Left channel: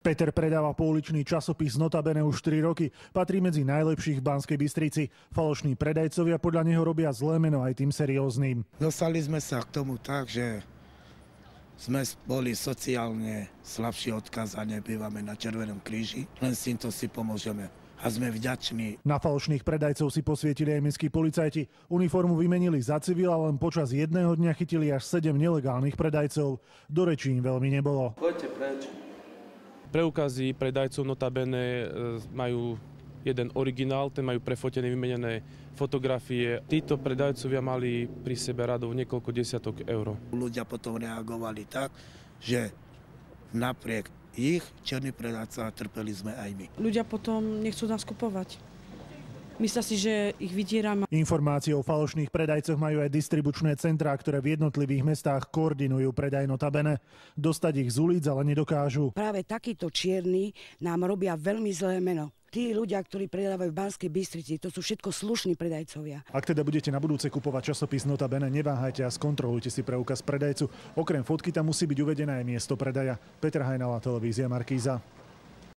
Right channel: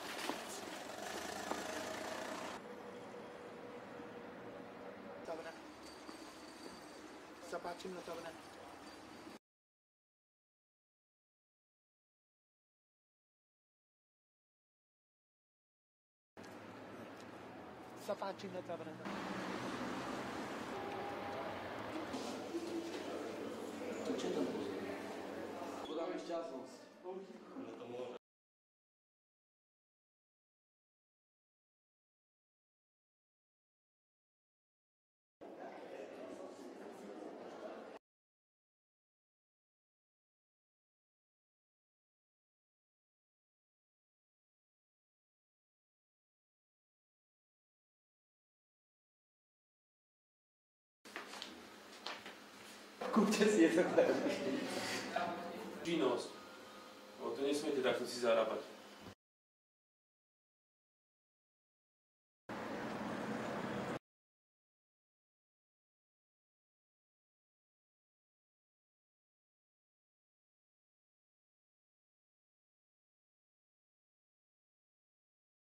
Peter predáva pouličný časopis Notabene už 4 roky. Patrí medzi najlepších v Banskej Bystrici. Falošní predajcovia podľa neho robia zlé meno aj tým serióznym. Dostali sme sa k tomu tak, že sme boli sociálne slabší odkaz a nebývame na Červenom kríži. Len s týmto si pomôžeme. A sme vďační. Na falošných predajcov si posvietili aj mestskí policajti. Uniformu vymenili za civil a len počas jedného dňa chytili až 7 nelegálnych predajcov. Do rečí im veľmi nebolo. Poďte preč. Preukazy predajcov Notabene majú jeden originál, ten majú prefotené, vymenené fotografie. Títo predajcovia mali pri sebe radov niekoľko desiatok eur. Ľudia potom reagovali tak, že napriek ich černý predajca trpeli sme aj my. Ľudia potom nechcú nás kupovať. Myslia si, že ich vydierame. Informácie o falošných predajcoch majú aj distribučné centrá, ktoré v jednotlivých mestách koordinujú predaj Notabene. Dostať ich z ulic ale nedokážu. Práve takíto čierni nám robia veľmi zlé meno. Tí ľudia, ktorí predávajú v Banskej Bystrici, to sú všetko slušní predajcovia. Ak teda budete na budúce kupovať časopis Notabene, neváhajte a skontrolujte si preukaz predajcu. Okrem fotky tam musí byť uvedené aj miesto predaja. Peter Hajnala, televízia Markíza.